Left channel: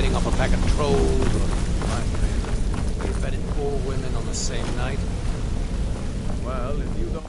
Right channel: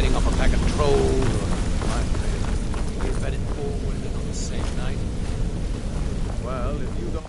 fighting off a pack of trolls, or my favorite, we vetted 4 women on the same night. Well, if you don't...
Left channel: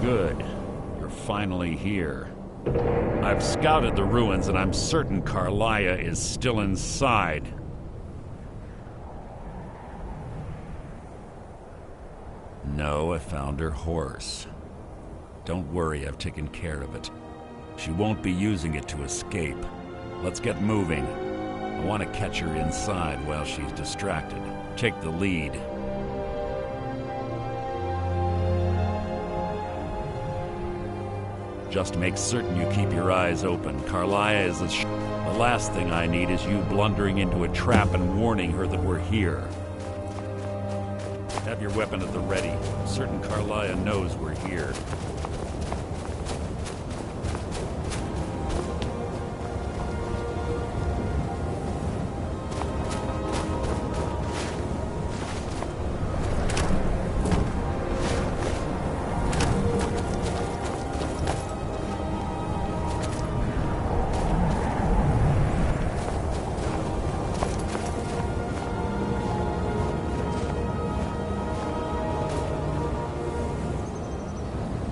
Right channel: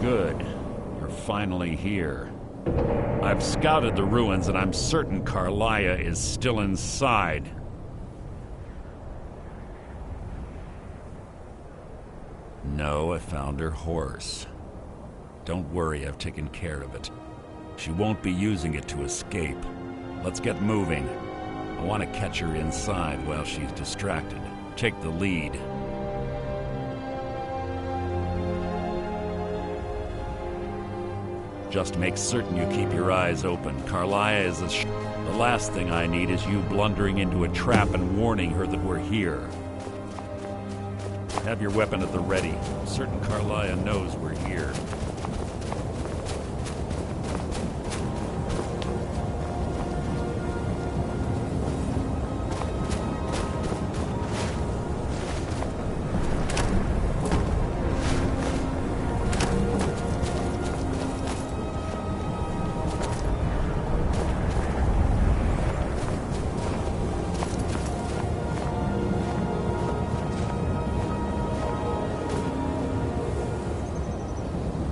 Good. You're finally here. I've scouted the ruins and I'm certain Carlia is still inside. No, I found her horse. Don't worry, I've taken care of it. She won't be using it to escape. Let's get moving. I want to catch her inside while she's distracted. Take the lead. Just make certain you keep your eyes open. Carlia is the last thing I need is you blundering into a trap and warning her that we're here. Have your weapon at the ready. I'm certain Carlia knows we're here.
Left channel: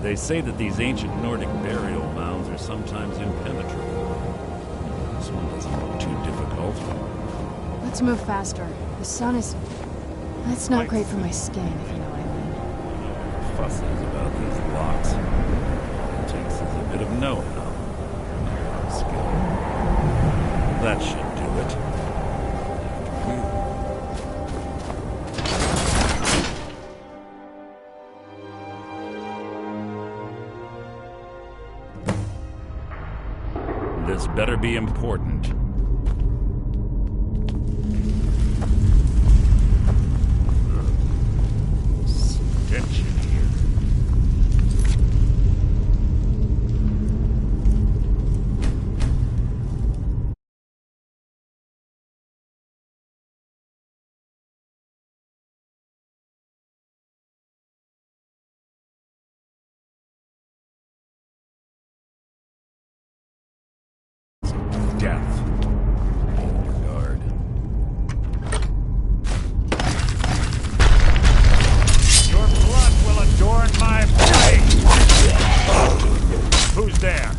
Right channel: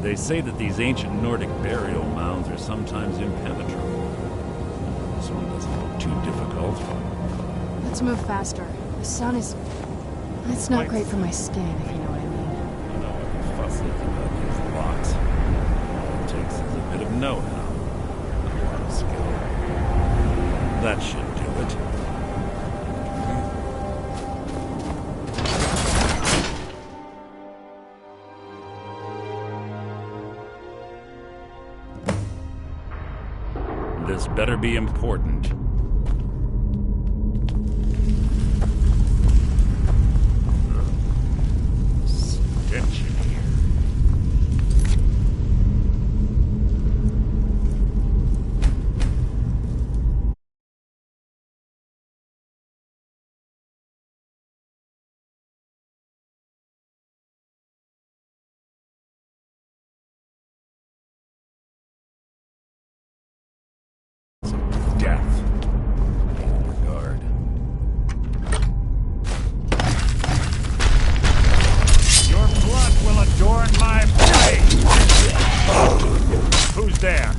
They say that these ancient Nordic burial mounds are sometimes impenetrable. This one doesn't look too difficult. Let's move faster. The sun is... It's not great for my skin, if you know what I mean. I don't know what the fuss is about these locks. All it takes is a bit of know-how. Not a lot of skill. That should do it. This better be important. Stench in here. Who's there?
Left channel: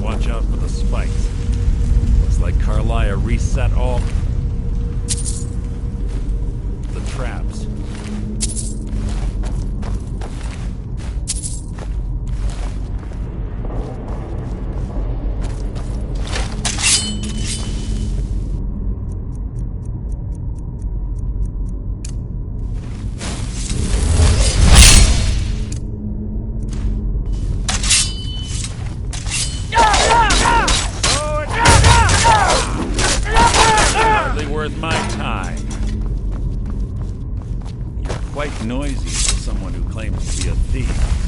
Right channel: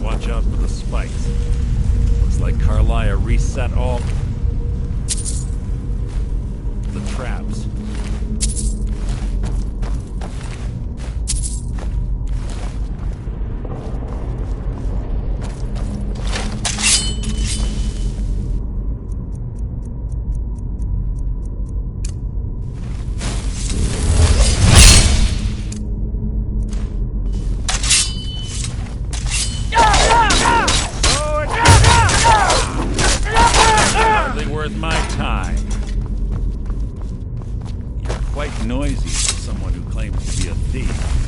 Watch out for the spikes. Looks like Carlia reset all the traps. Worth my time. You're quite noisy for someone who claims to be a thief.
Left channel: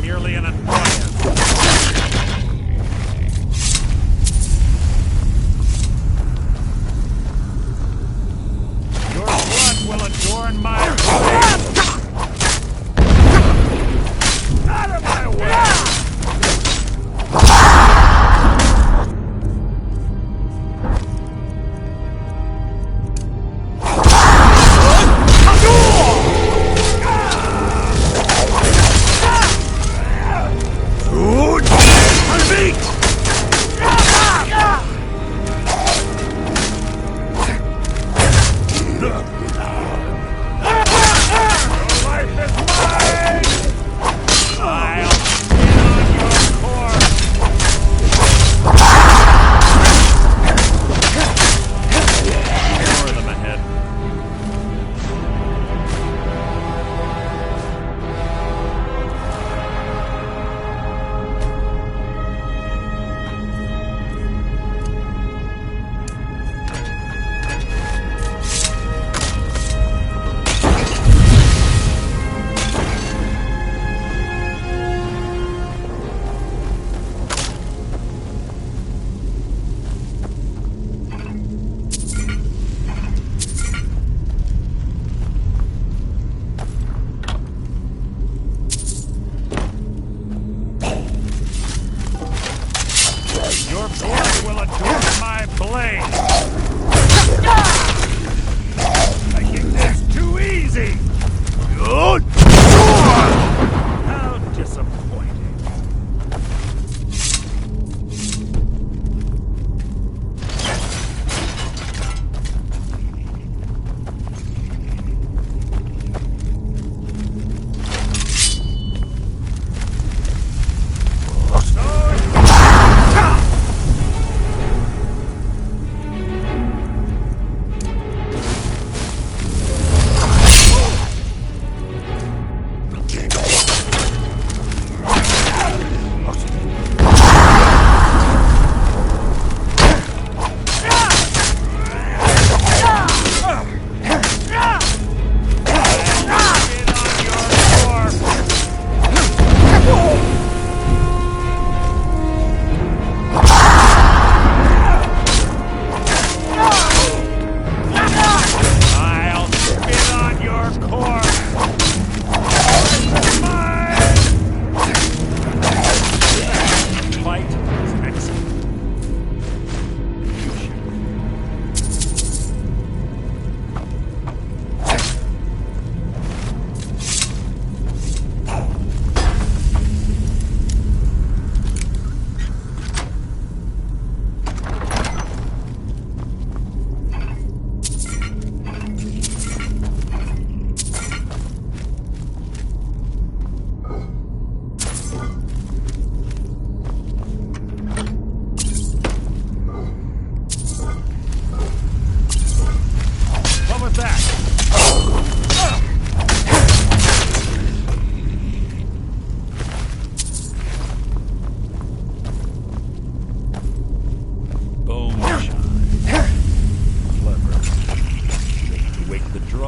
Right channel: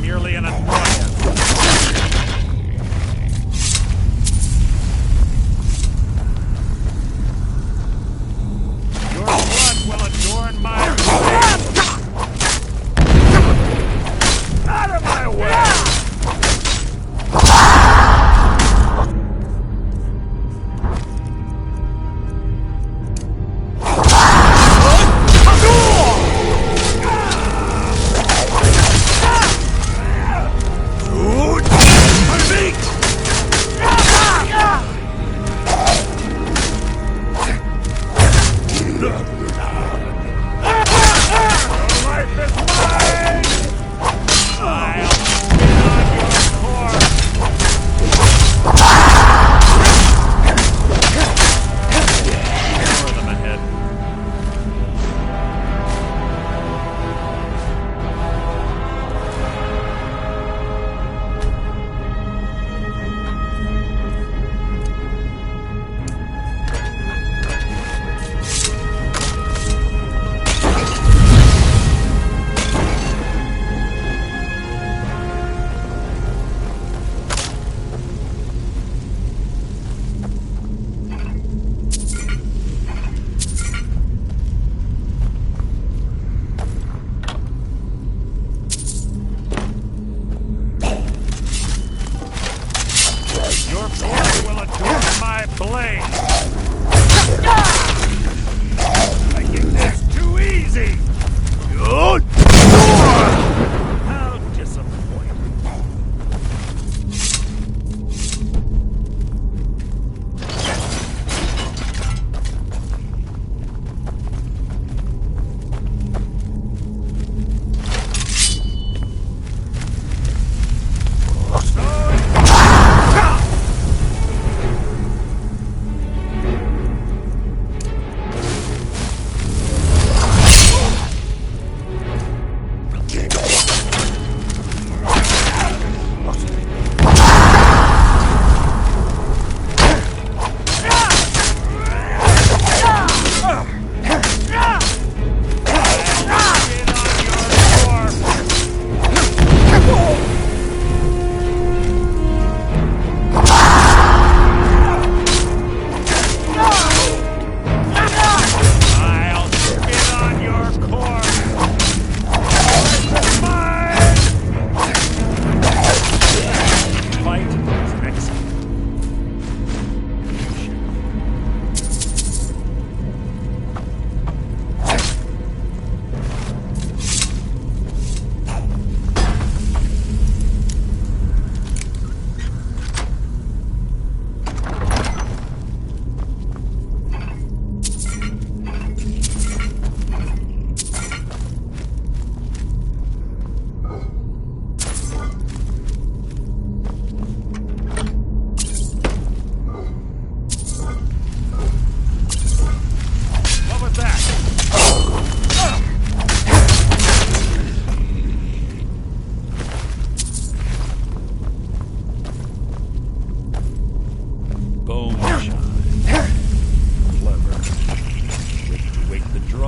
Merely an annoyance. Your blood will adorn my grave. Out of my way! Your blood will adorn my blade! Making this too easy! Good! How disappointing.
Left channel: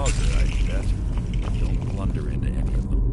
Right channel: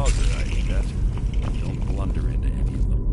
Mauser, I bet. Don't blunder into any of them.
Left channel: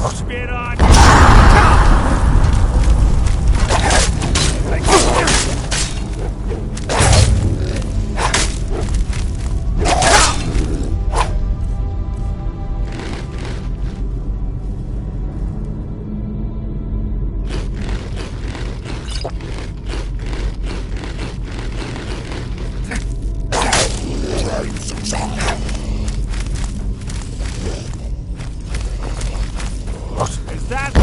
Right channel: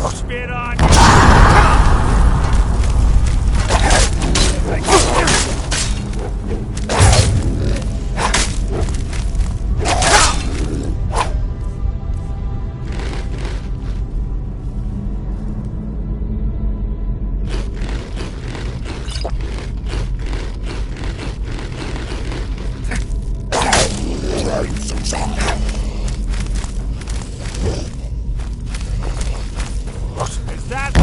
I'll spit on you! Is that...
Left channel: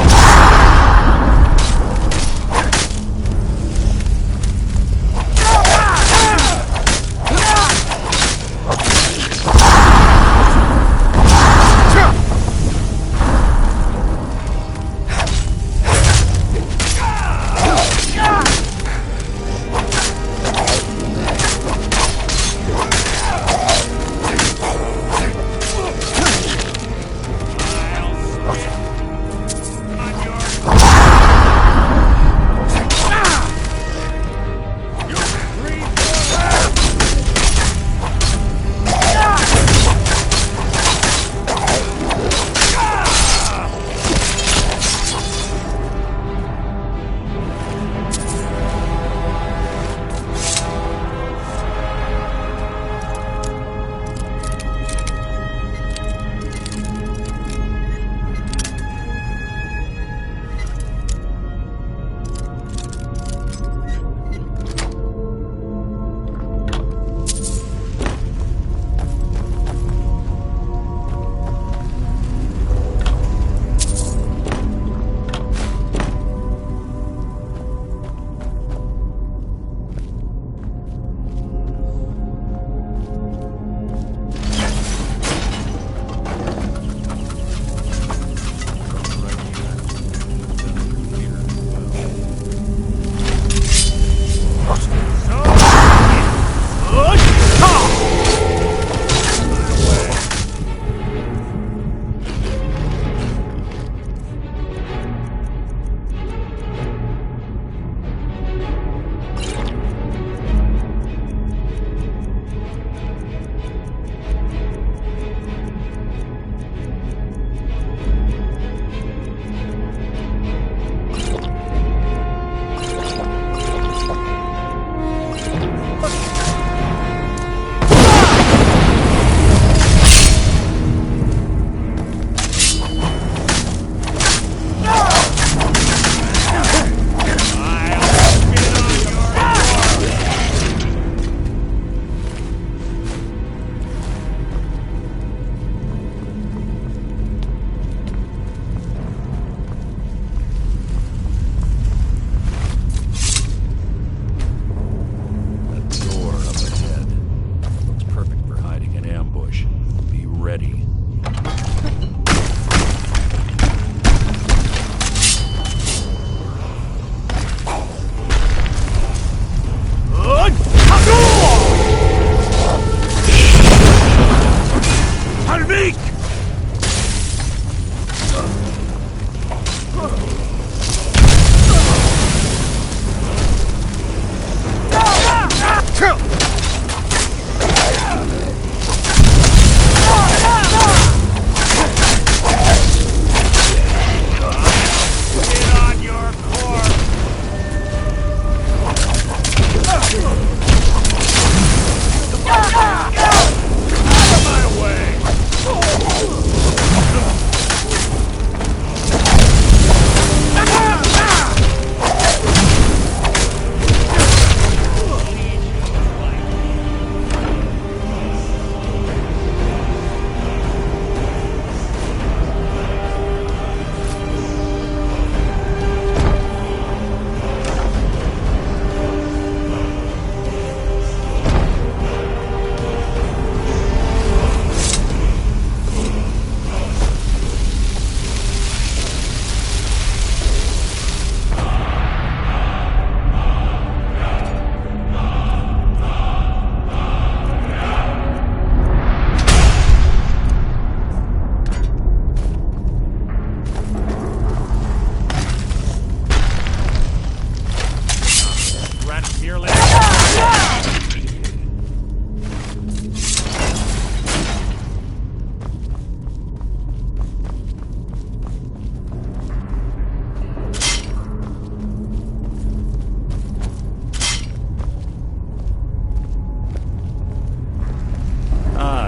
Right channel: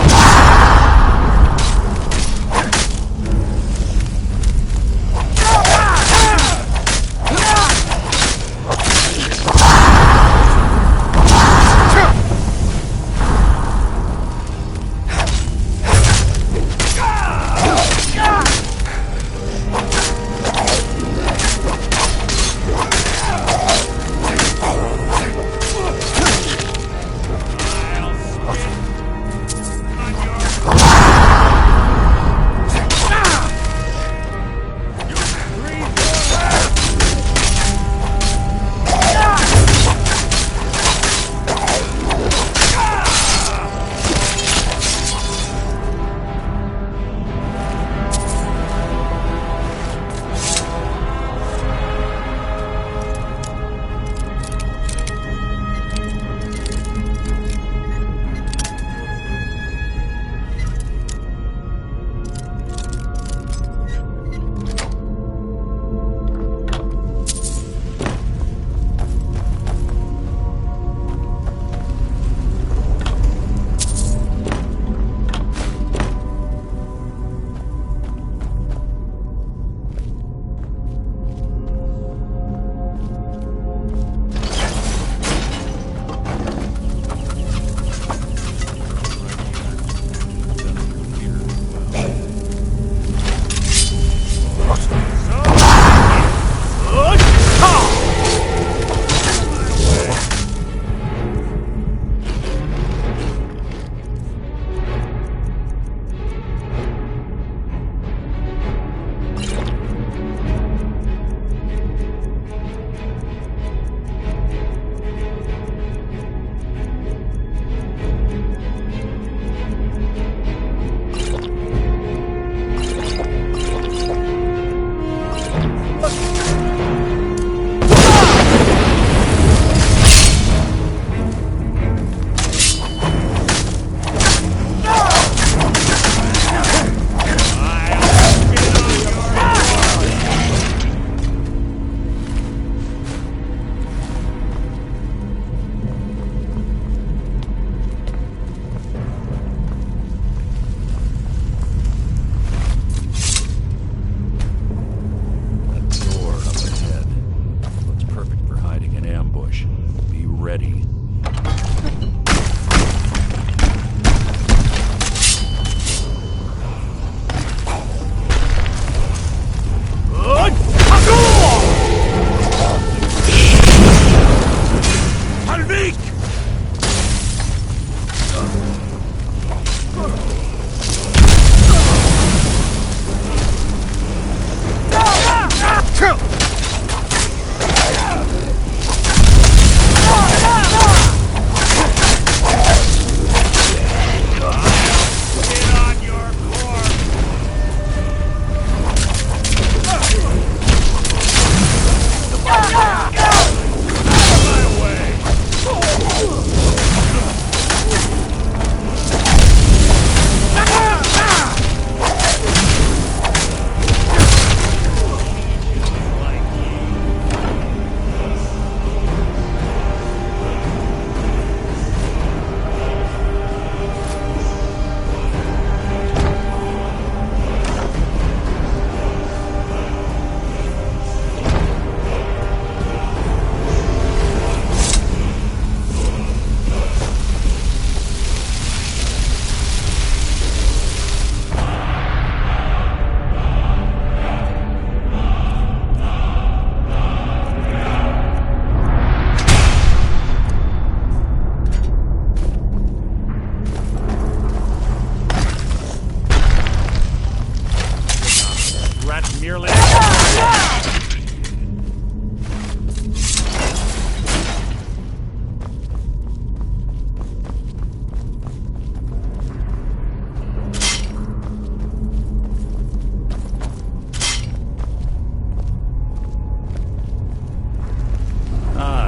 merely...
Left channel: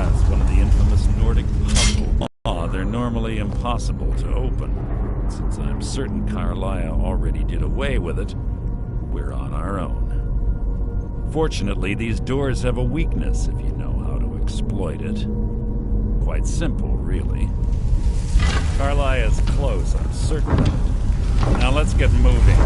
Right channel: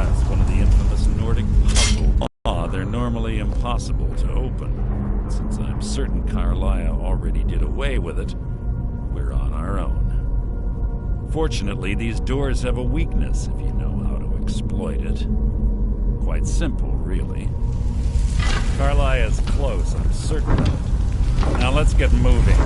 It's one of the infamous Nordic puzzles. They're normally impossible to open. Since I'm certain Carlia already did away with it, we're on our own. Fortunately, these doors have a weakness if you know how to exploit it. Quite simple, really. Carlia is close, I'm certain of it. Now let's get moving.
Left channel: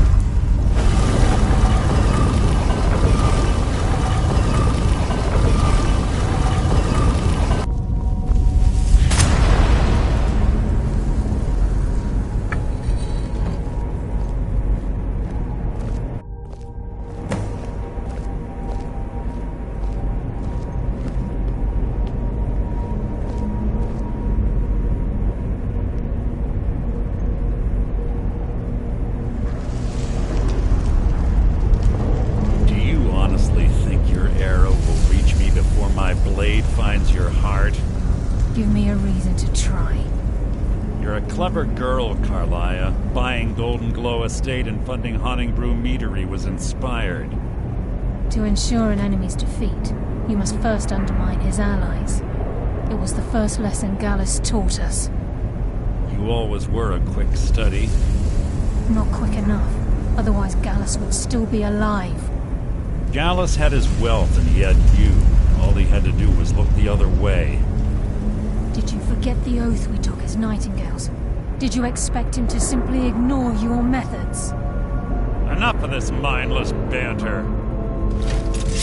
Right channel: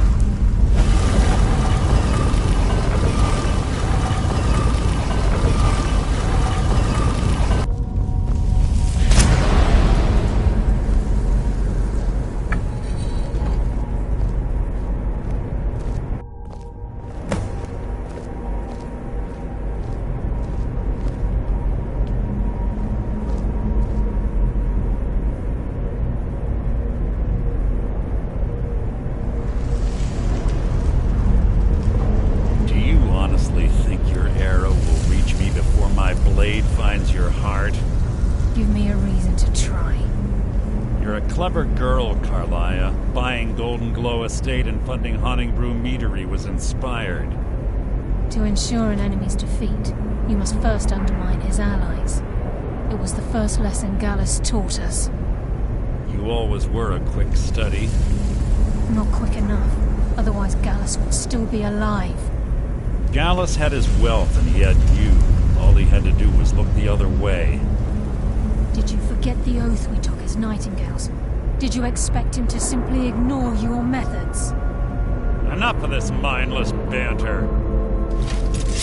Honestly think your arrow will reach me before my blade finds your heart? Give me a reason to try. You're a clever girl, Carlia. Buying Golden Glow Estate and funding Honningbrew Meadery was inspired. To ensure an enemy's defeat, you must first undermine his allies. It was the first lesson Gallus taught us. You always were a quick study. Not quick enough. Otherwise Gallus would still be alive. Gallus had his wealth and he had you. All he had to do was look the other way. Did you forget the oath we took as nightingales? Did you expect him to simply ignore your methods? Enough of this mindless banter.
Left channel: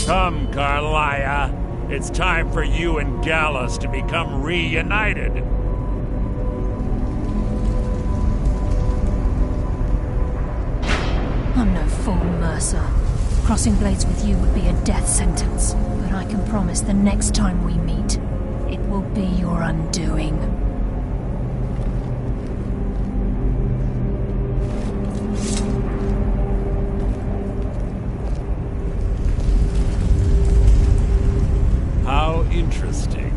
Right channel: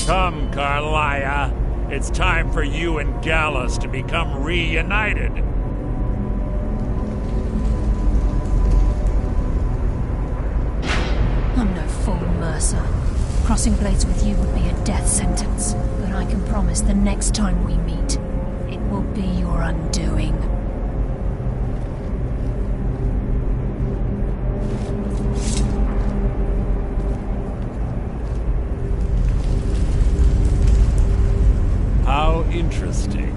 Come, Carlia. It's time for you and Gallus to become reunited. I'm no fool, Mercer. Crossing blades with you would be a death sentence, but I can promise the next time we meet, it will be your undoing. How interesting.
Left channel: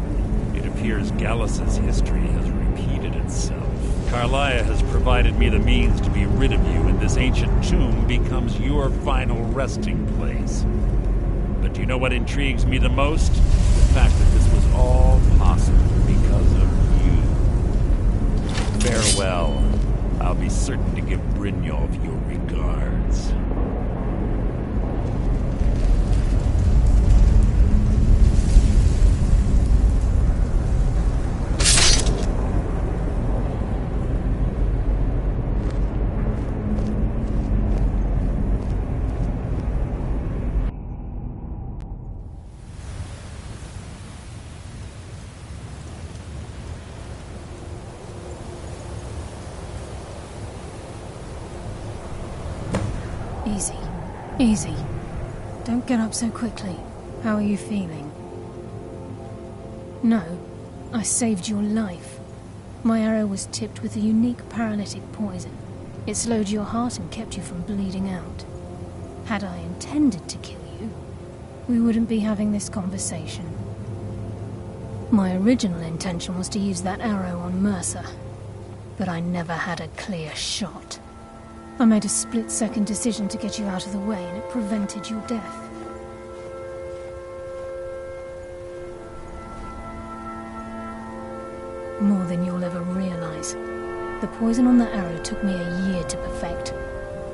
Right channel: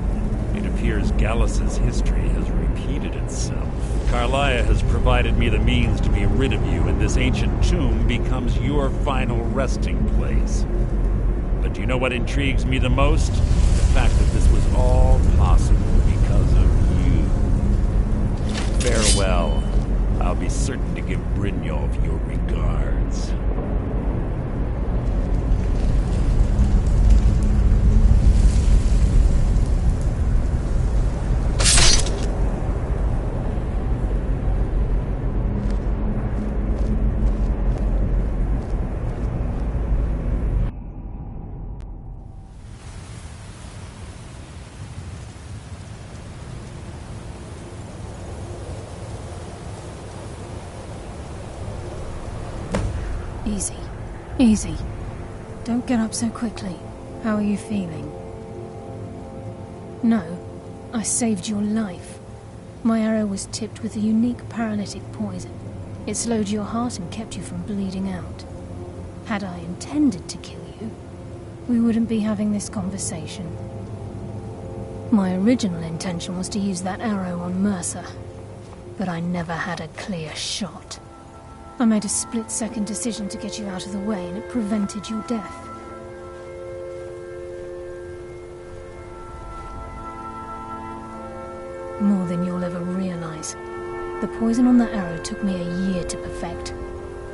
It appears Gallus's history has repeated itself. Carlia has provided me the means to be rid of you, and this ancient tomb becomes your final resting place. But do you know what intrigues me the most? The fact that this was all possible because of you. Farewell. I'll be certain to give Brynjolf your regards. Easy. Easy. Don't get up so quickly. How are you feeling? No, I saved your life. My arrow was tipped with a unique paralytic poison. It slowed your heart and kept you from bleeding out. Had I intended to kill you, we wouldn't be having this conversation. My original intention was to use that arrow on Mercer, but I never had a clear shot. I made a split-second decision to get you out of the way, and it prevented your death. More than you'll ever realize. The poison on that arrow took me a year to perfect.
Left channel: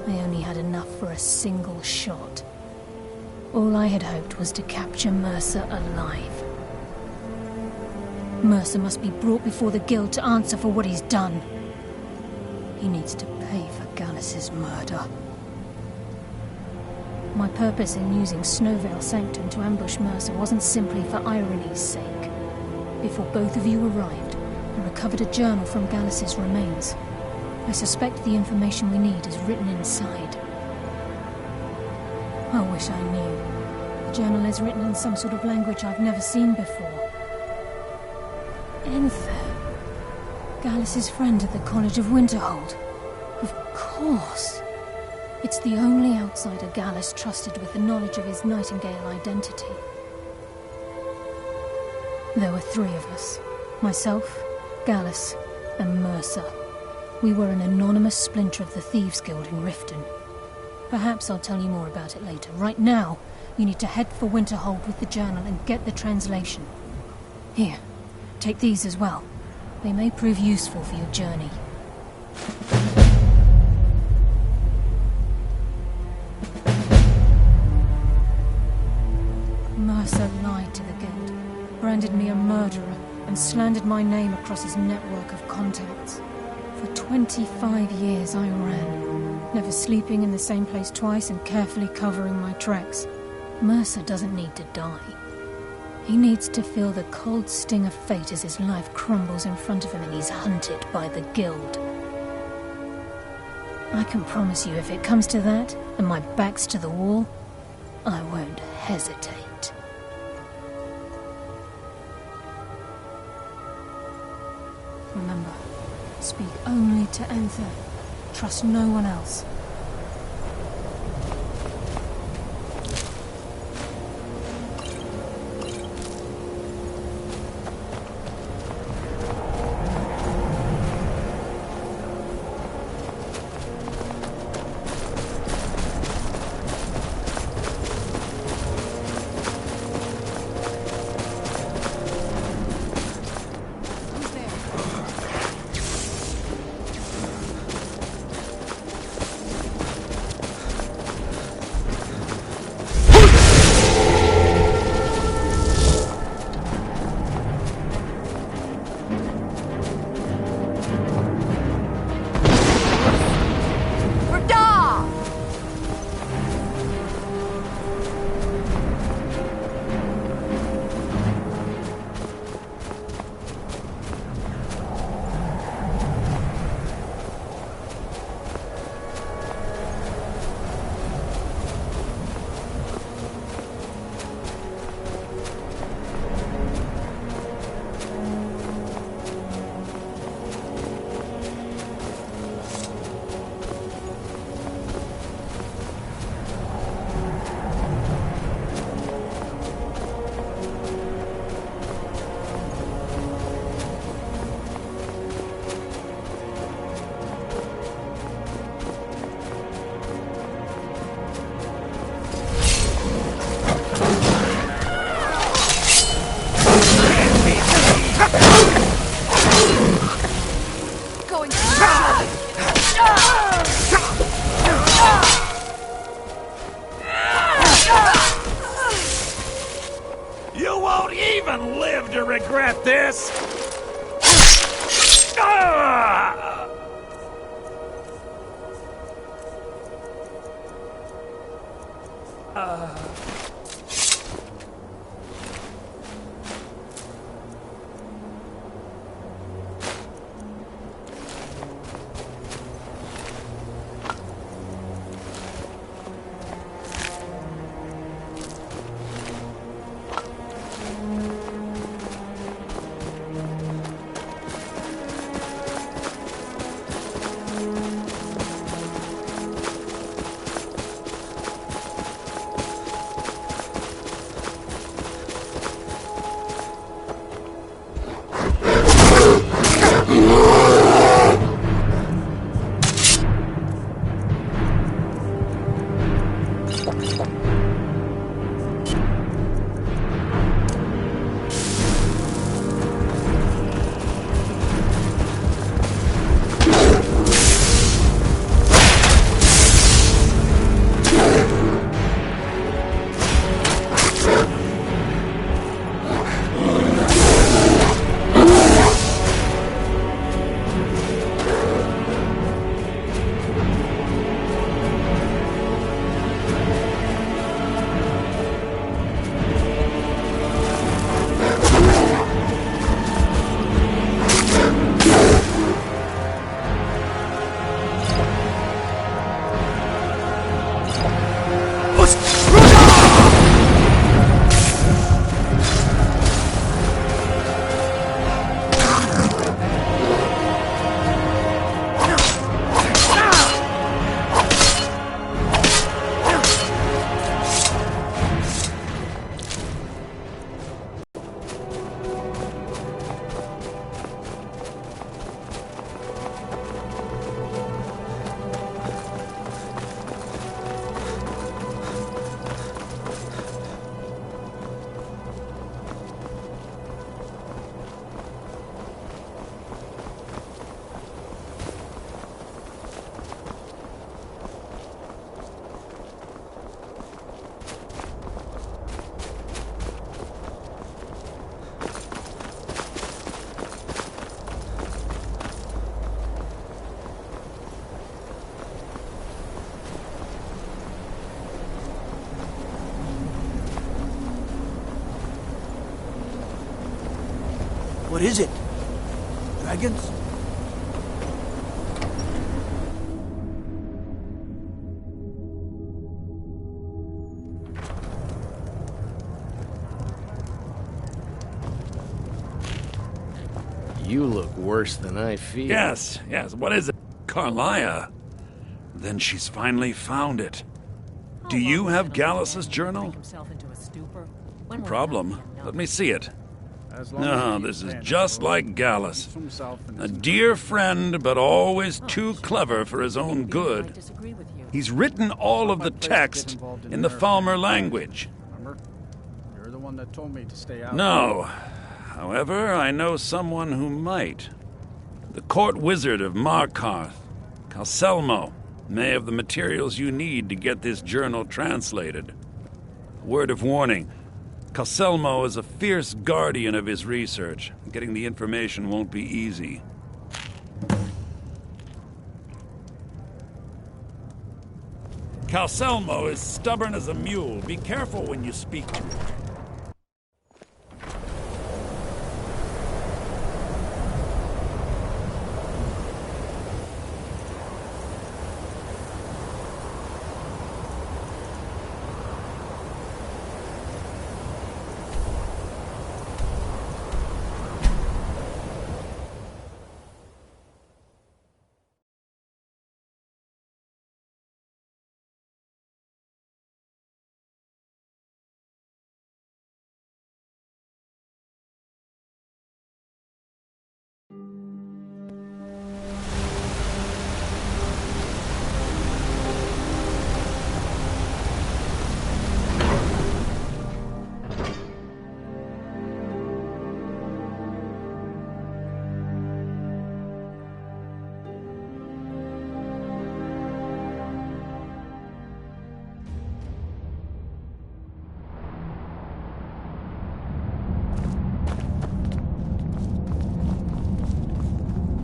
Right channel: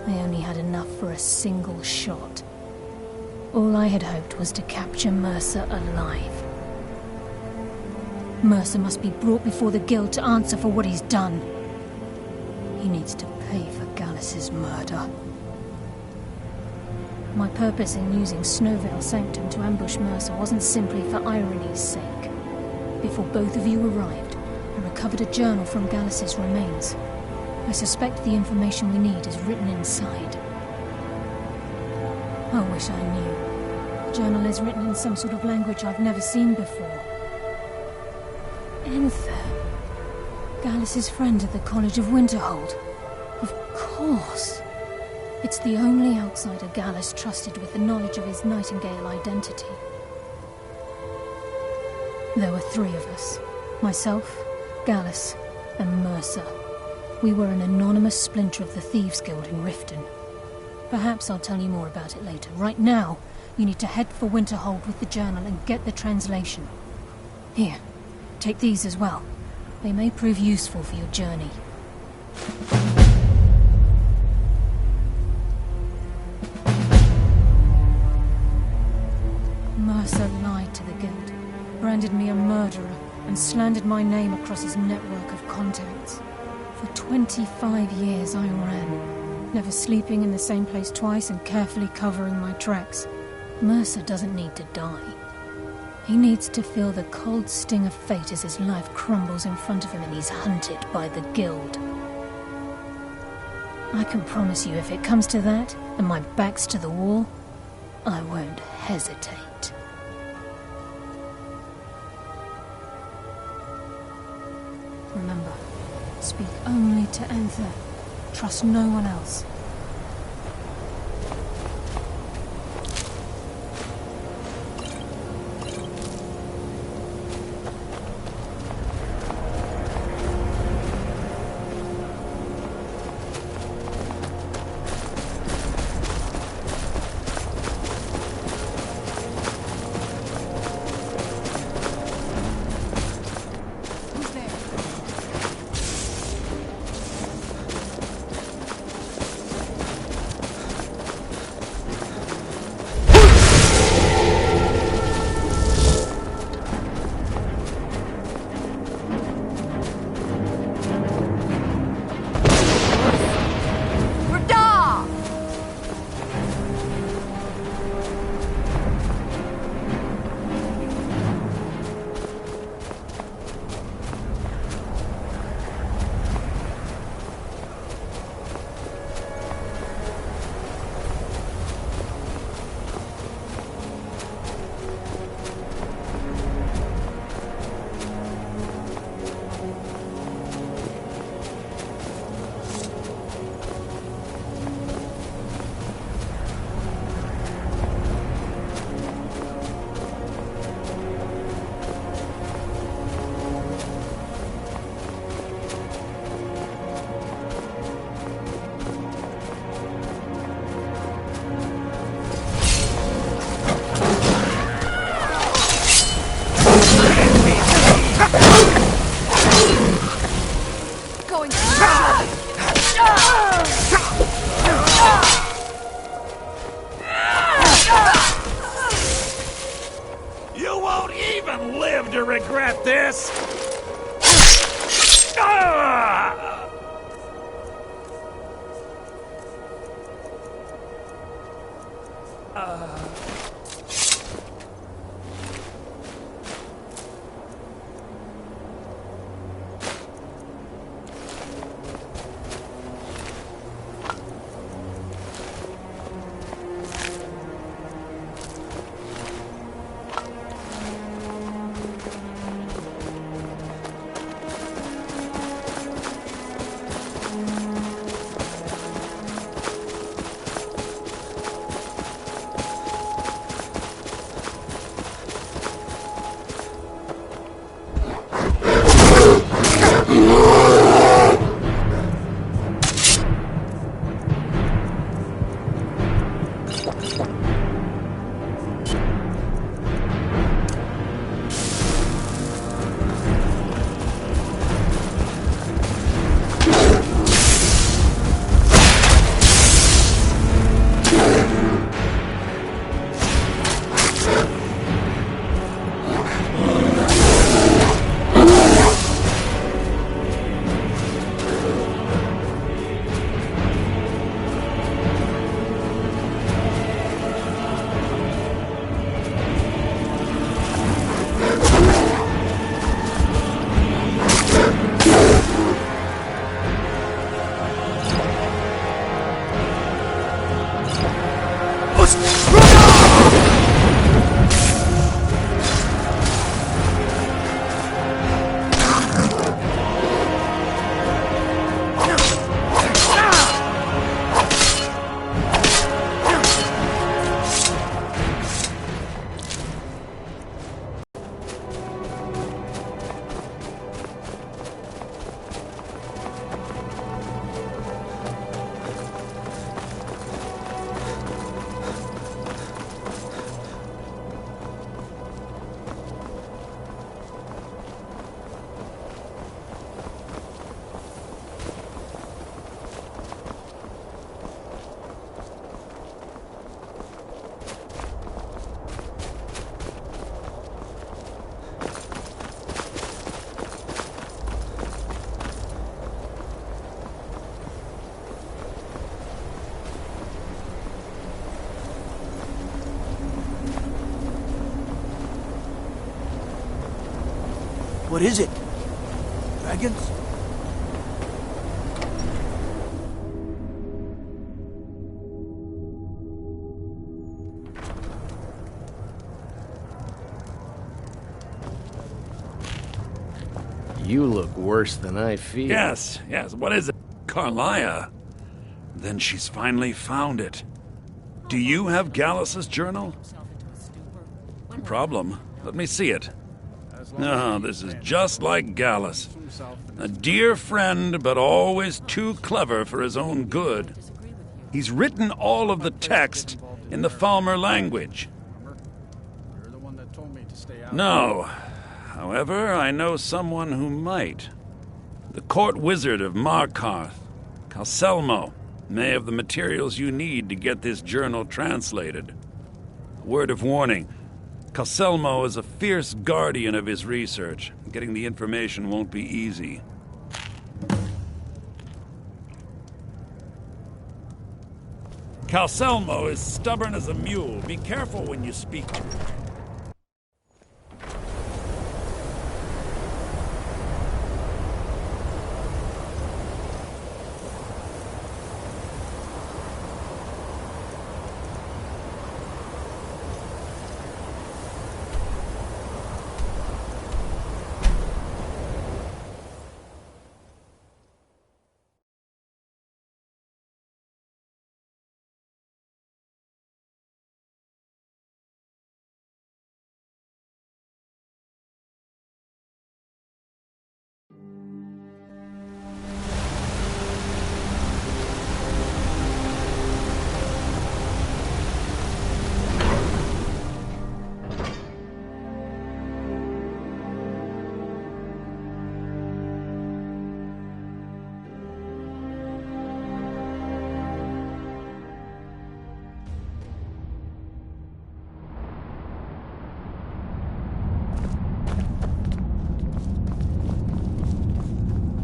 I only had enough for a single shot. All I had hoped was to capture Mercer alive. Mercer must be brought before the Guild to answer for what he's done. He needs to pay for Gallus's murder. My purpose in using Snowvale Sanctum to ambush Mercer wasn't simply for irony's sake. Before both of you arrived, I recovered a journal from Gallus's remains. I suspect the information we need is written inside. I wish I knew. The journal is written in some sort of language I've never seen before. Enther. Gallus's friend at the College of Winterhold. Of course. It's the only outsider Gallus trusted with the knowledge of his Nightingale identity. There were 3 of us. Myself, Gallus, and Mercer. We were an anonymous splinter of the Thieves' Guild in Riften. Perhaps I'll tell you more about it later. Right now, you need to head for Winterhold with the journal and get the translation. Here, take these as well. They may prove useful for your journey. Mercer lied to the Guild, branded me a murderer, and slandered my name across his network of contacts. For 25 years I ran, never sleeping in the same place twice and carefully covering my tracks. Mercer doesn't need to die. He needs to feel the cold sting of fate as his life crumbles in front of him and he's hunted by the Guild. I can promise you, if it comes to that, and my back's to the wall, I won't hesitate. Remember, speak only to Anther. Trust no one else. You won't even live to regret this! What is it? Dragons? You look worse than I feel. Yes, what is it? Carlia? Then she's finally found it. Do you have Gallus's journal? No problem. Let me see it. No, this is just like Gallus. A dear friend, but always too clever for his own good. He's written all of the text in the Falmer language. You're the one that told me to stay out. No. However, I know someone who might. The court wizard of Markarth, Calselmo, may have the materials you need to get this journal translated. A word of warning. Calselmo is a fierce guardian of his research. Getting the information won't be easy. Calselmo is stubborn as a mule. Be careful when you speak to him.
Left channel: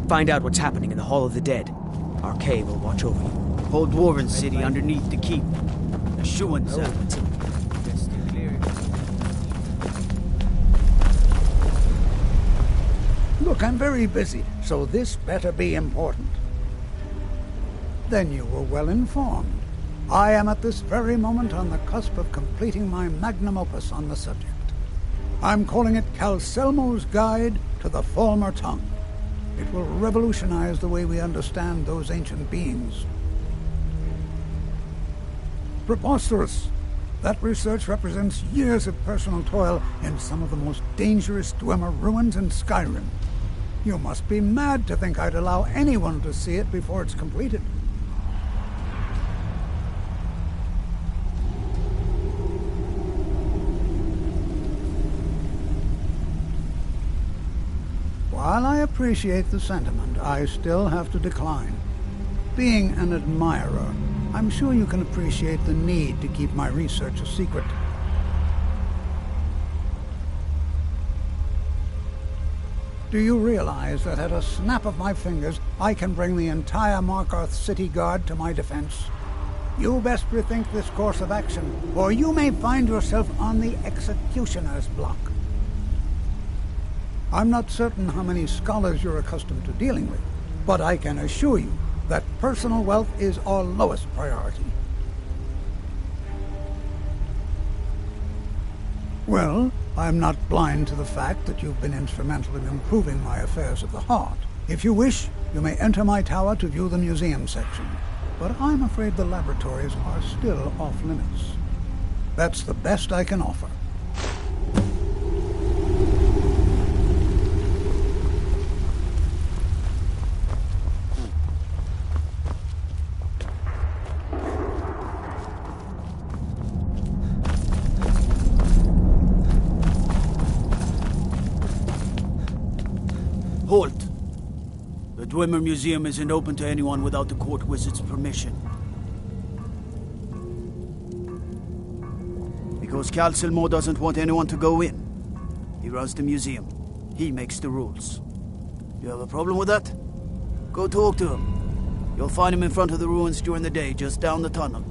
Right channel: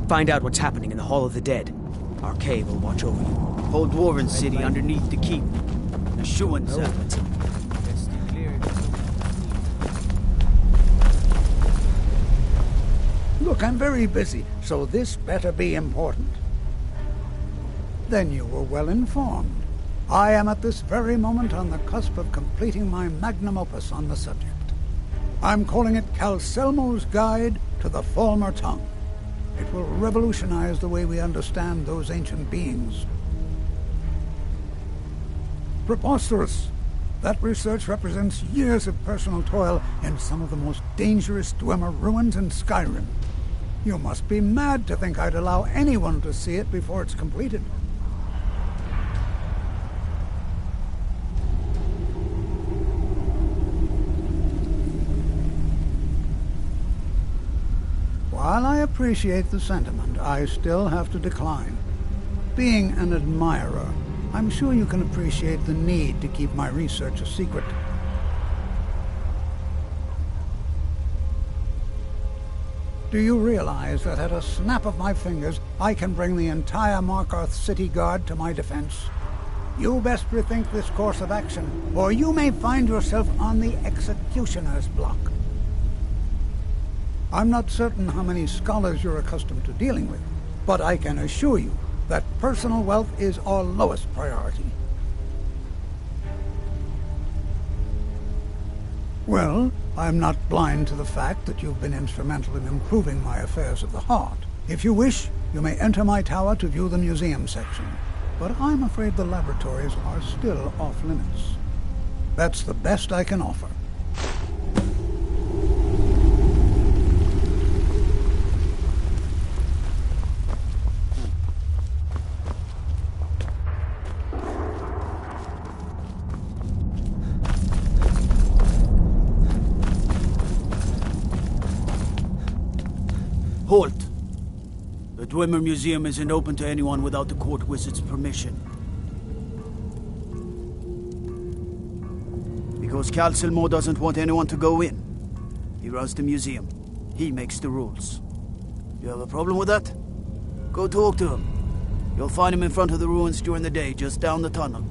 Find out what's happening in the Hall of the Dead. Arcay will watch over you. Whole Dwarven city underneath the keep. The Shuan settlements. Look, I'm very busy, so this better be important. Then you were well informed. I am at this very moment on the cusp of completing my magnum opus on the subject. I'm calling it Calselmo's Guide to the Falmer Tongue. It will revolutionize the way we understand those ancient beings. Preposterous! That research represents years of personal toil in some of the most dangerous Dwemer ruins in Skyrim. You must be mad to think I'd allow anyone to see it before it's completed. While I appreciate the sentiment, I still have to decline. Being an admirer, I'm sure you can appreciate the need to keep my research a secret. Do you realize that at a snap of my fingers, I can bring the entire Markarth City Guard to my defense? You best rethink this course of action, or you may find yourself on the executioner's block. I'm not certain how many scholars you're accustomed to dealing with, but I can assure you that personal wealth is our lowest priority. Well, I'm not blind to the fact that you've been instrumental in improving my affairs of the heart. If you wish, you may enter my tower to view the museum section, but I'm afraid the laboratories are still off limits. That's the best I can offer. Halt! The Dwemer Museum isn't open to anyone without the court wizard's permission. Because Calselmo doesn't want anyone to go in. He runs the museum. He makes the rules. You have a problem with that? Go talk to him. You'll find him in front of the ruins during the day, just down the tunnel.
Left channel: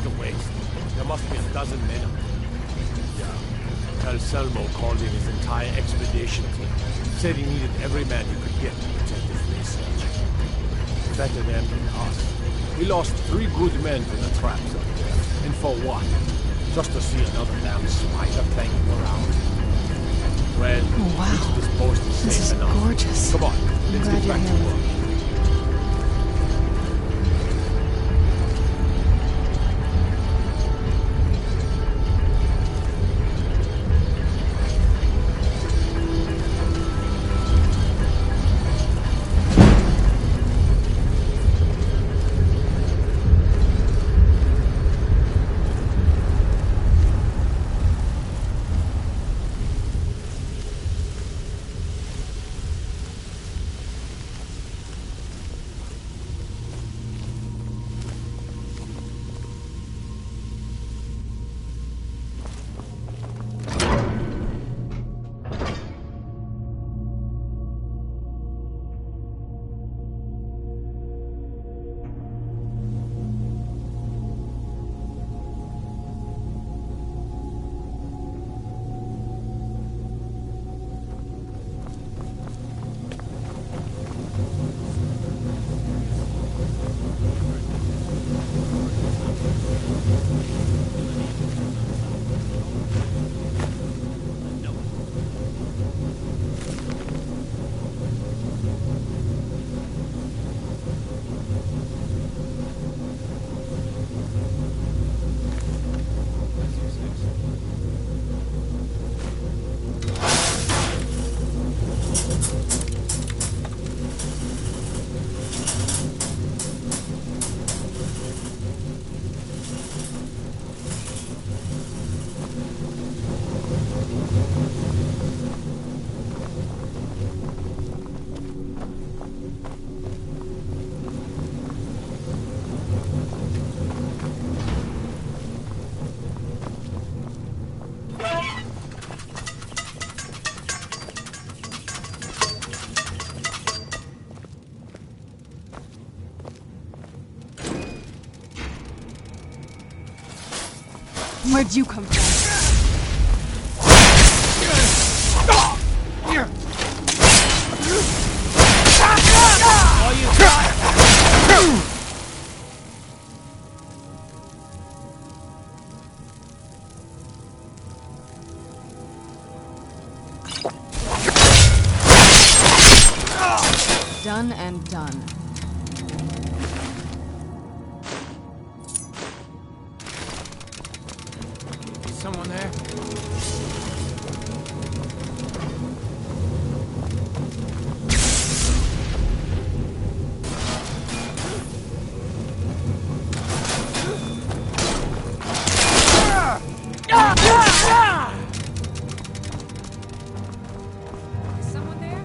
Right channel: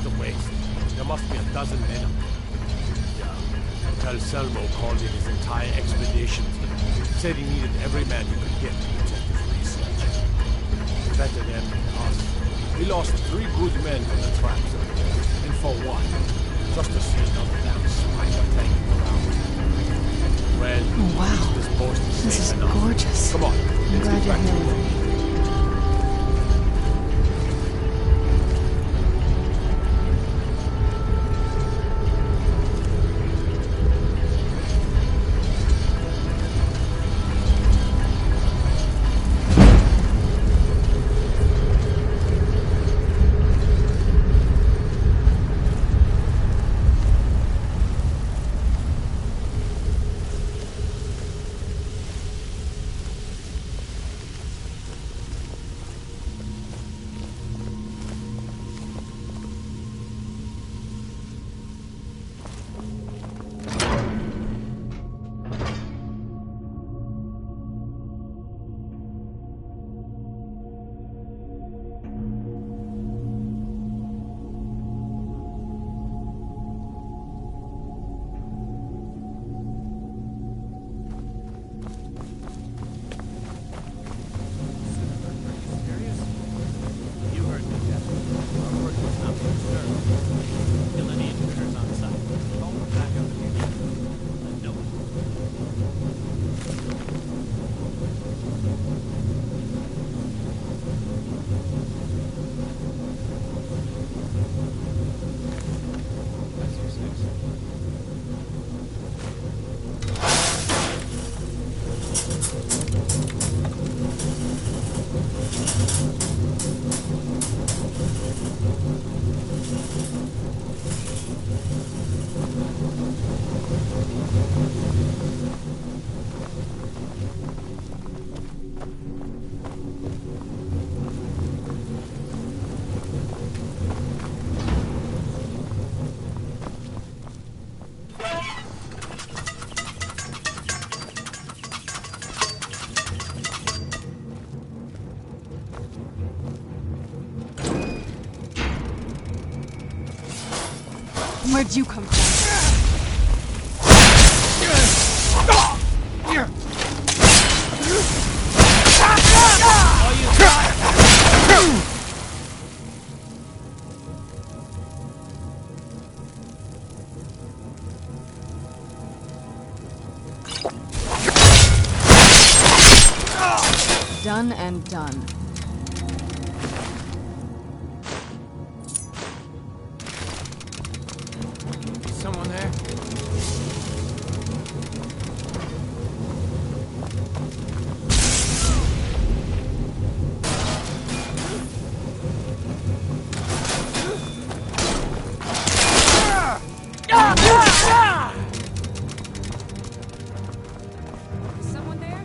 What a waste. There must be a dozen men up there. Yeah. Anselmo called in his entire expedition team. Said he needed every man he could get to protect his research. Better them than us. We lost 3 good men to the traps up there. And for what? Just to see another damn spider playing around. Well, Oh, wow. this post is This safe is enough. gorgeous. Come on, I'm let's glad get you're back here to with work. me. Where'd you come from? Done and done. Someone there? Is someone there?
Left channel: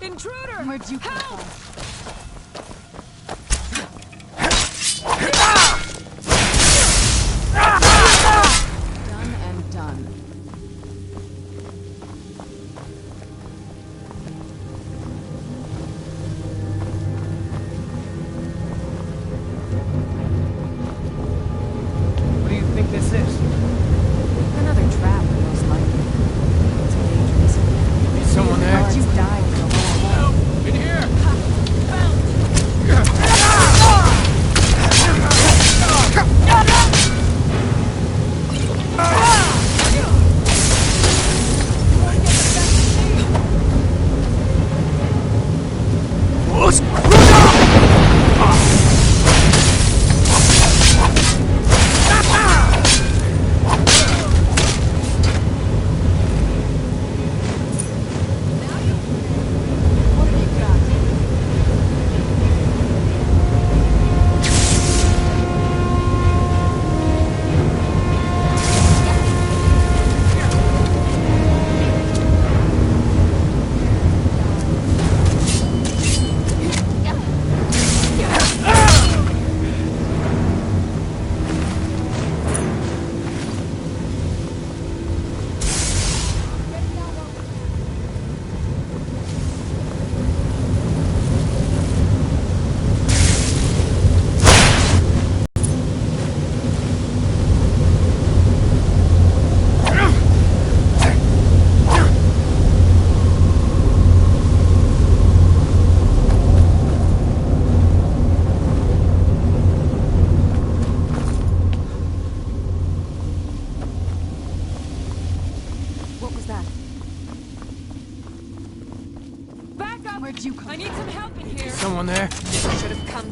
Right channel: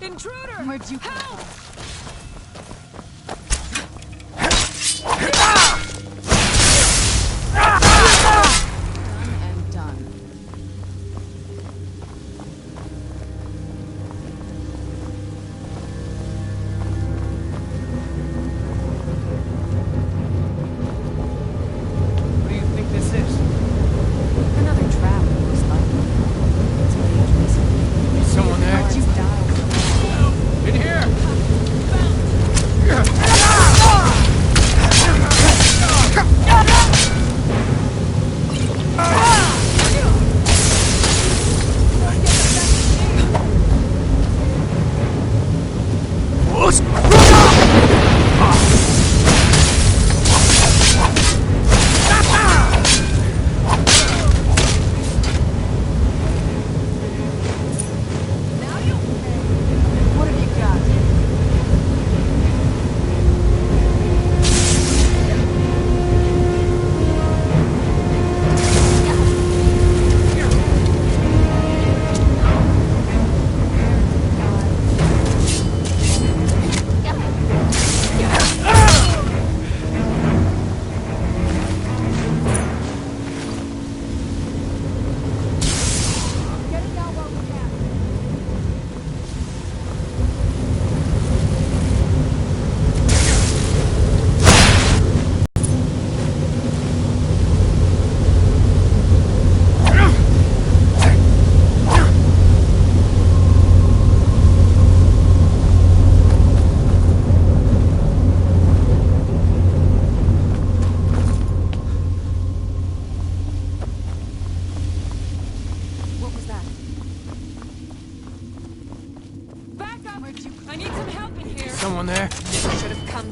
Intruder! Where'd you come from? Done and done. What do you think this is? Another trap, most likely. It's dangerous. Is someone there? Why'd you die? In here!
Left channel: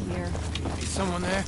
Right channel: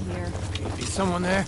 here. Is someone there?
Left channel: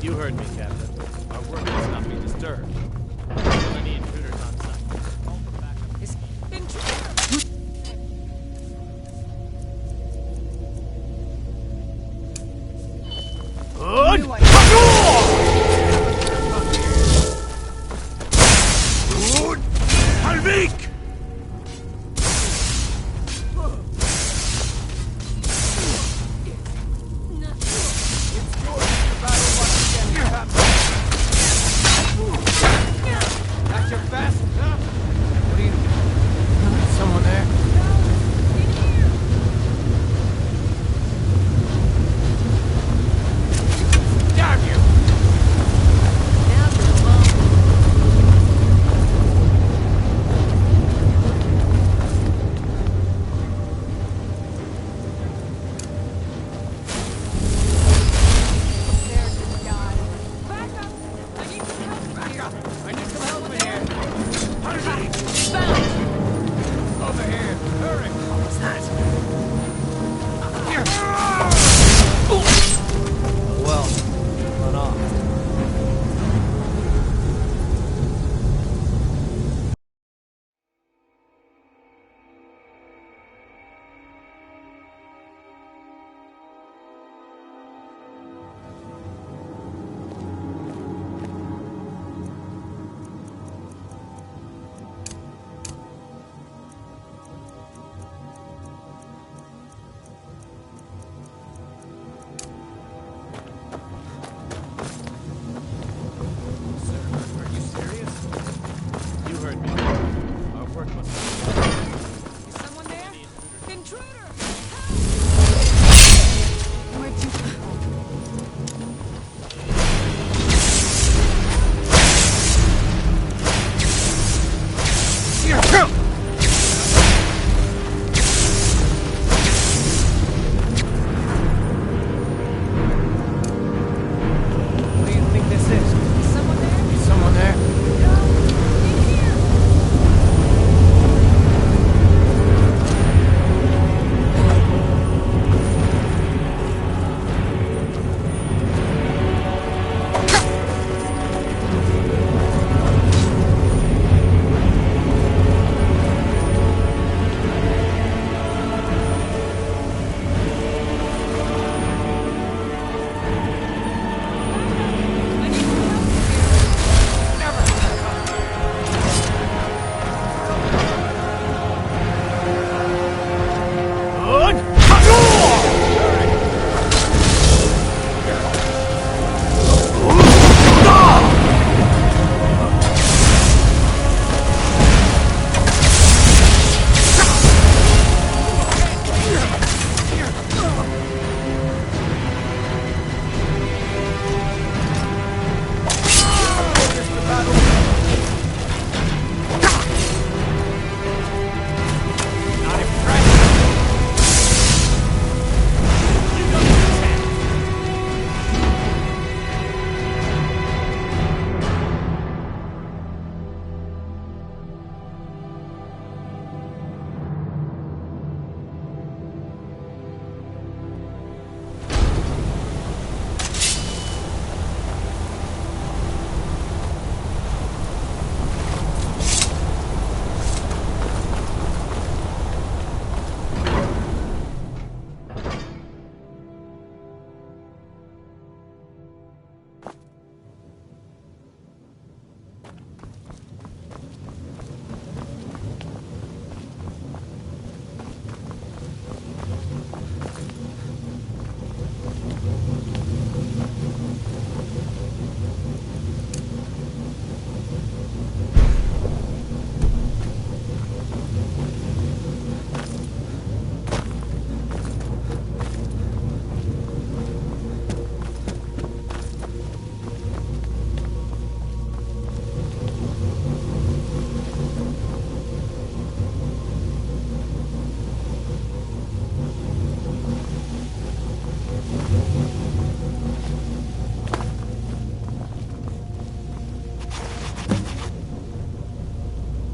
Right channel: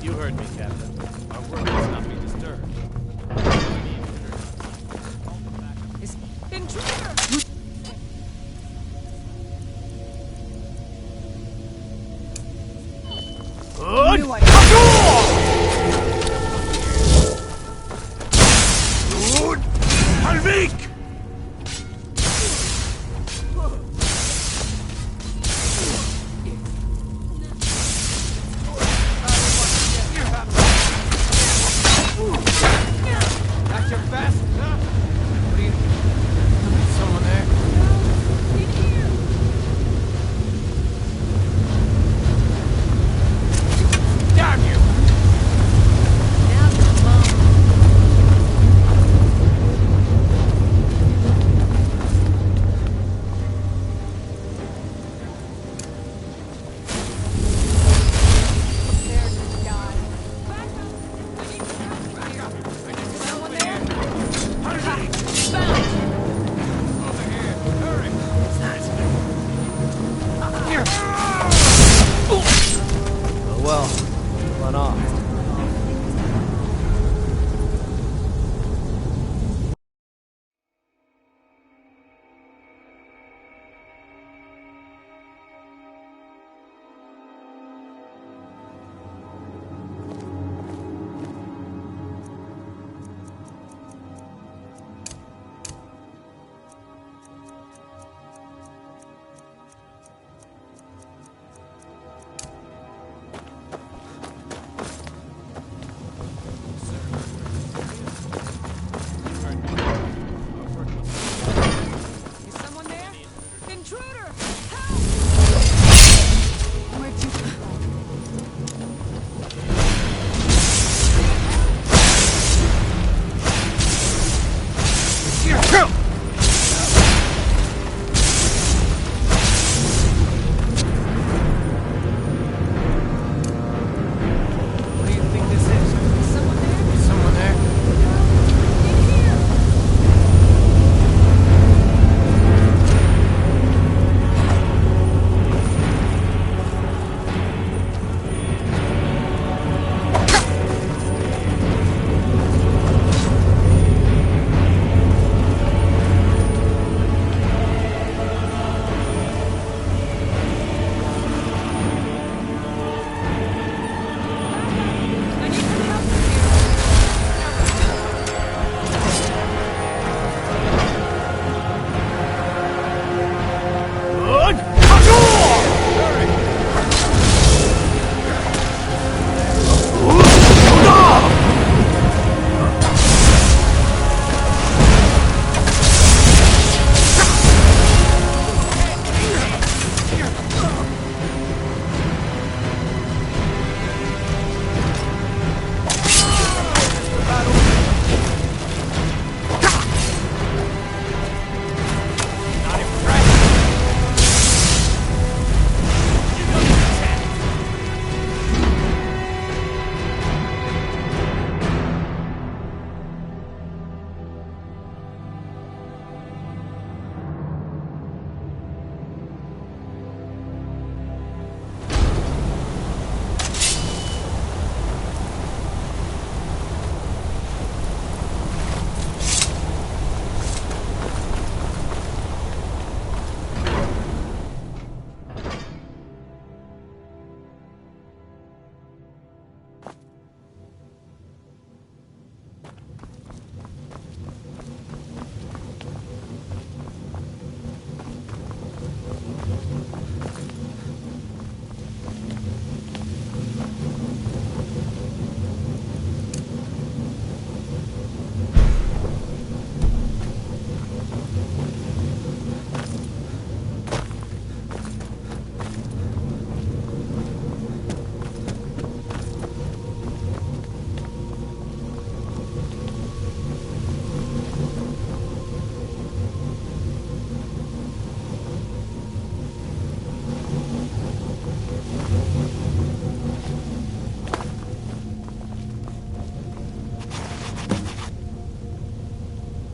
You heard me, Captain. Our work must not be disturbed. Any intruders on site. Call for backup. Intruder! Halvik!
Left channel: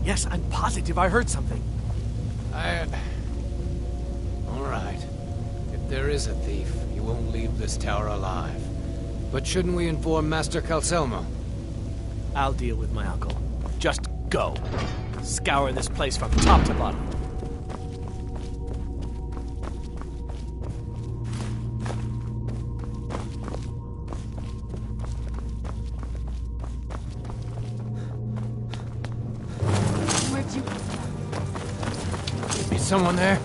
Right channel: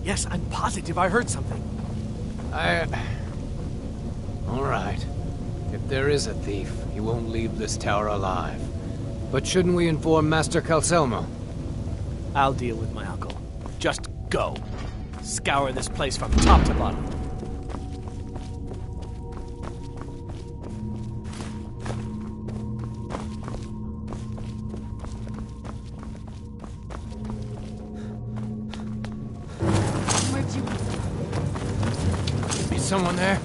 Yes, I'm positive I heard something. All right. If there is a thief, he won't leave this tower alive. But shouldn't we inform Master Calcelmo? I'll deal with my uncle. Just go. Scour this place from top to bottom. Where'd you... Be someone there?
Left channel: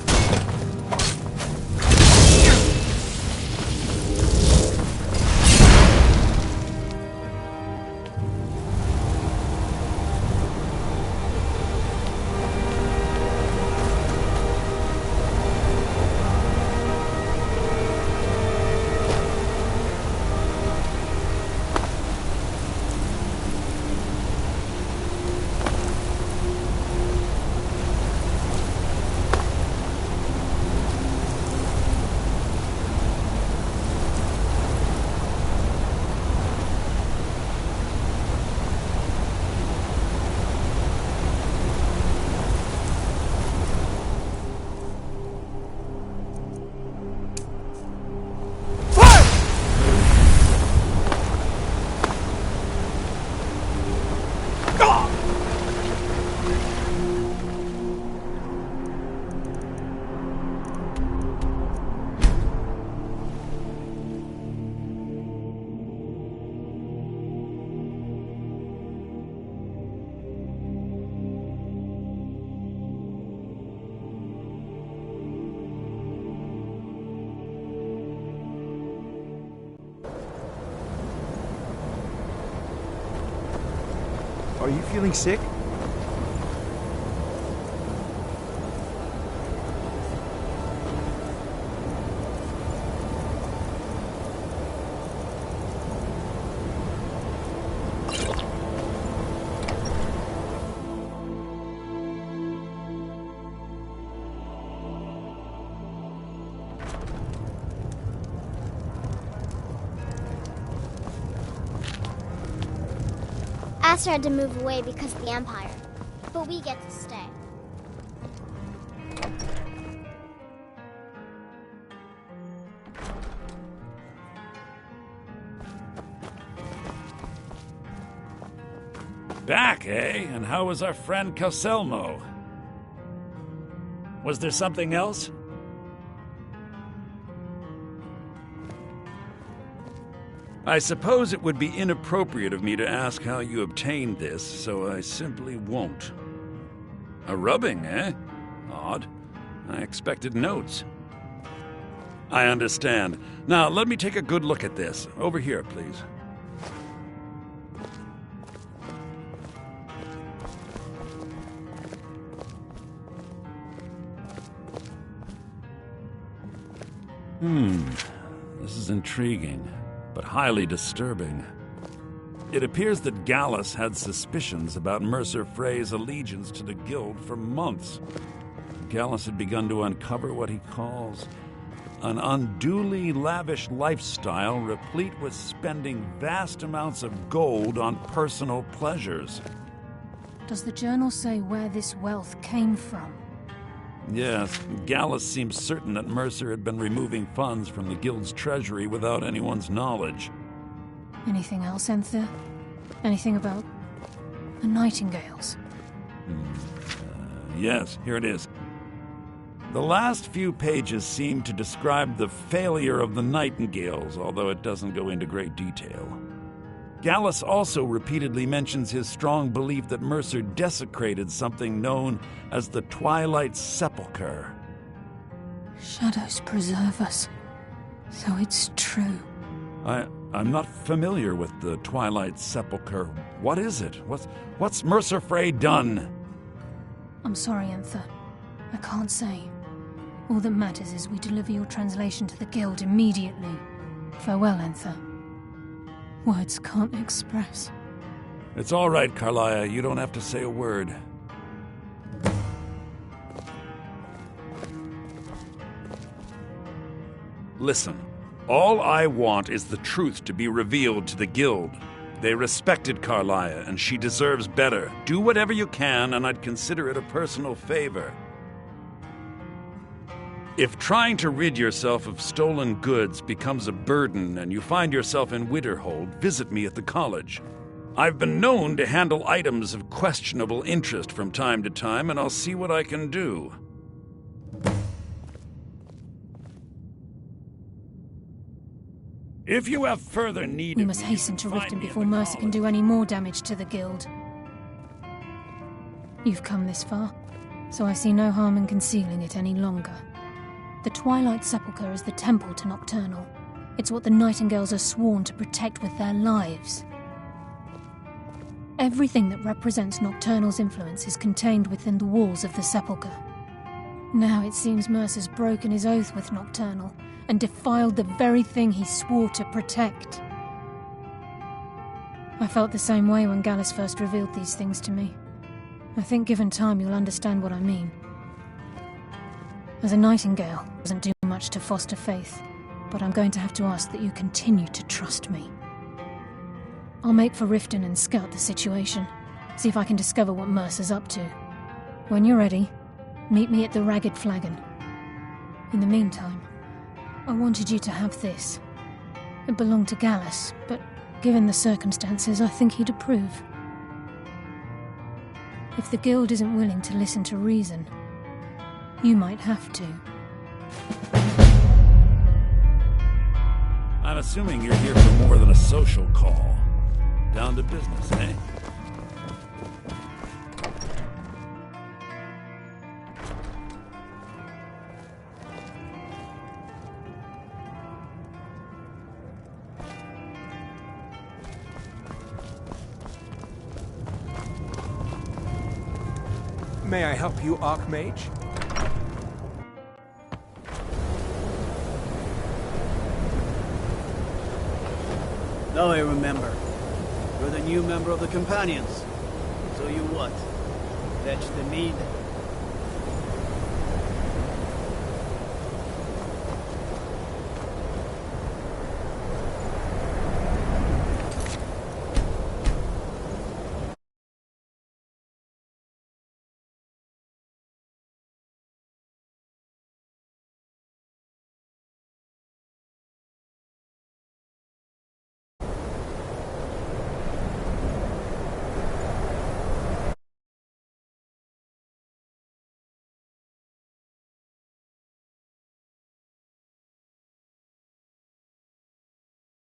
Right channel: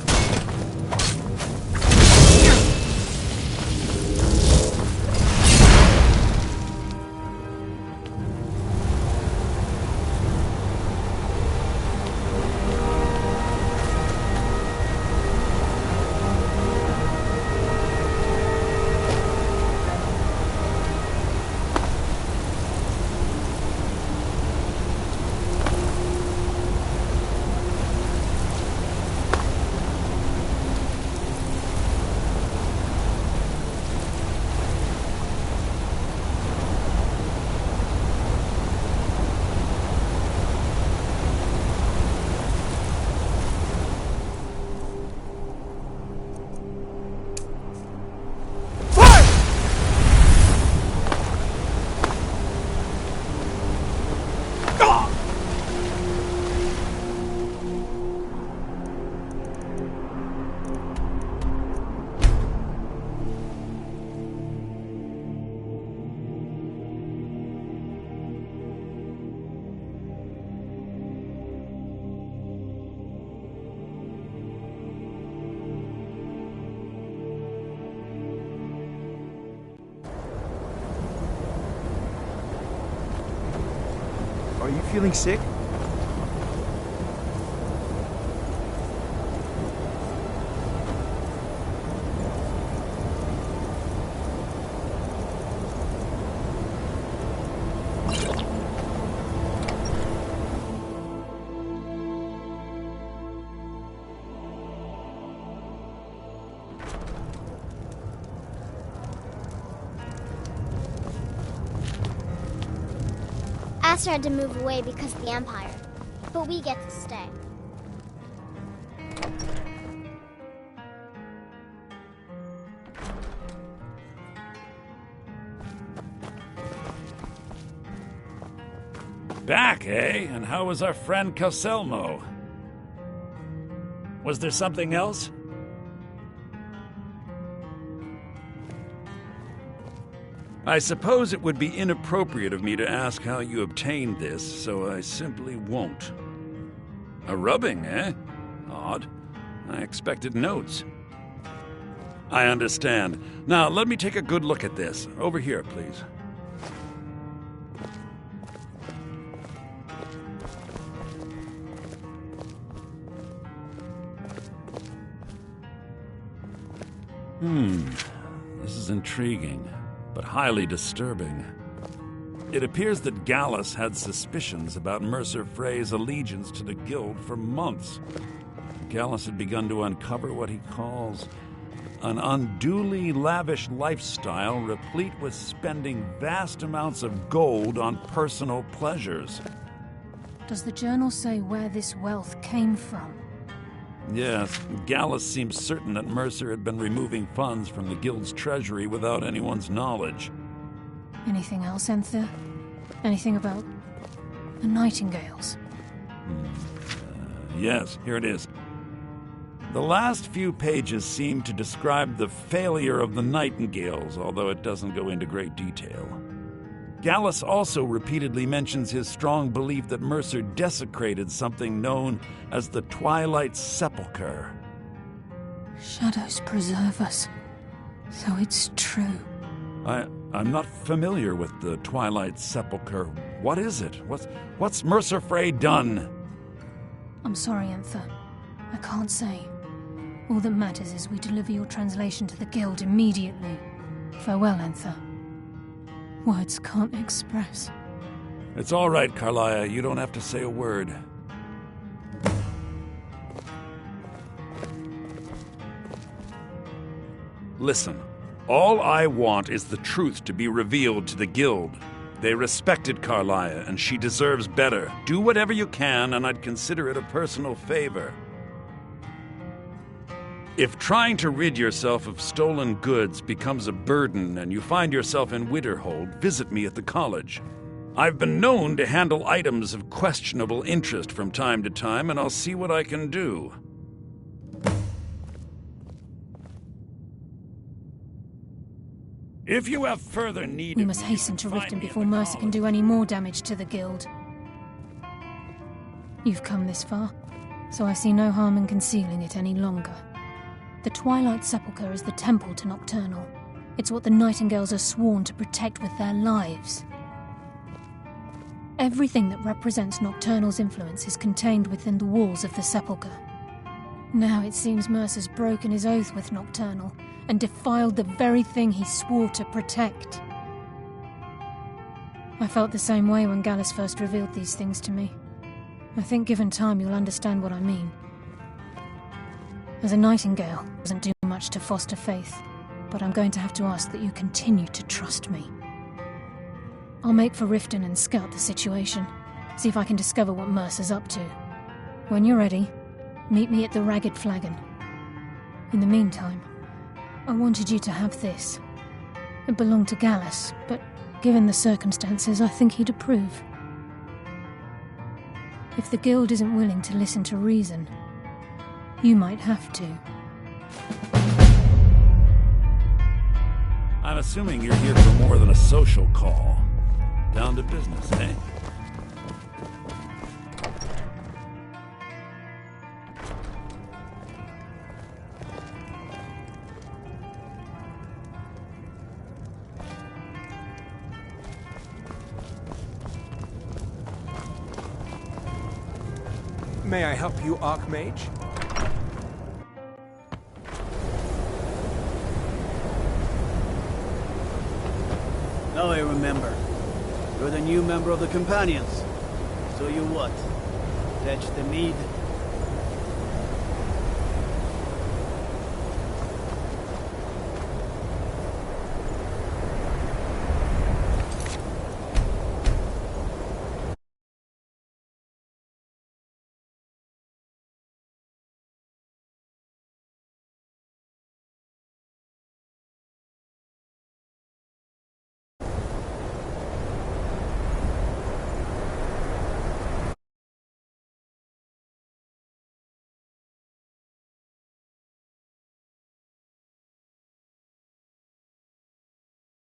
Are you feeling sick? Aster had to move away because of the Empire, but we get to stay. Back, eh? And how was our friend Calcelmo? Was there something else? I suppose it would be inappropriate of me to ask how you obtained this, so I simply won't. A rubbing, eh? Odd. I expected notes. I understand. Now, let me take a good look at this. Over here, please. This is intriguing, but highly disturbing. It appears that Gallus had suspicions about Mercer Frey's allegiance to the Guild for months. Gallus had begun to uncover what he calls an unduly lavish lifestyle replete with spending vast amounts of gold on personal pleasures. Does the journal say where this wealth came from? Yes, Gallus seems certain that Mercer had been removing funds from the Guild's treasury without anyone's knowledge. Anything else, Enther? Anything about the Nightingales? Yes, here it is. The last few pages seem to describe the failure of the Nightingales, although it doesn't go into great detail. Gallus also repeatedly mentions his strong belief that Mercer desecrated something known as the Twilight Sepulchre. Shadows preserve us, so it's true. I'm not familiar with the Twilight Sepulchre. What is it? What's Mercer Frey done? I'm sorry, Enther. I can't say. All that matters is we deliver your translation to the Guild immediately. Farewell, Enther. Words can't express. It's all right, Carlia. You don't have to say a word. Listen, all I want is the truth to be revealed to the Guild. They respected Carlia, and she deserves better. Do whatever you can, and I'd consider it a personal favor. If trying to rid yourself of stolen goods becomes a burden and you find yourself in Winterhold, visit me at the college. I've been known to handle items of questionable interest from time to time, and I'll see what I can do. If you have further need We of must me, hasten you to can Riften find me before at the Mercer can college. do any more damage to the guild. You've come this far, so I see no harm in concealing it any longer. The Twilight Sepulchre is the temple to Nocturnal. It's what the Nightingales are sworn to protect with their lives. Everything that represents Nocturnal's influence is contained within the walls of the Sepulchre. Now it seems Mercer's broken his oath with Nocturnal and defiled the very thing he swore to protect. I felt the same way when Gallus first revealed these things to me. I think given time you'll understand what I mean. As a Nightingale, it doesn't do much to foster faith, but I'm going to have to ask that you continue to trust me. I'll make for Riften and scout the situation, see if I can discover what Mercer's up to. When you're ready, meet me at the Ragged Flagon. In the meantime, I wanted you to have this. It belonged to Gallus, but given the circumstances, I think he'd approve. If the guild isn't willing to listen to reason, you might have to. I'm assuming you're here for more than a social call. Down to business, eh? May I help you, Archmage? Now I remember. You're the new member of the Companions. So you what? Fetch the mead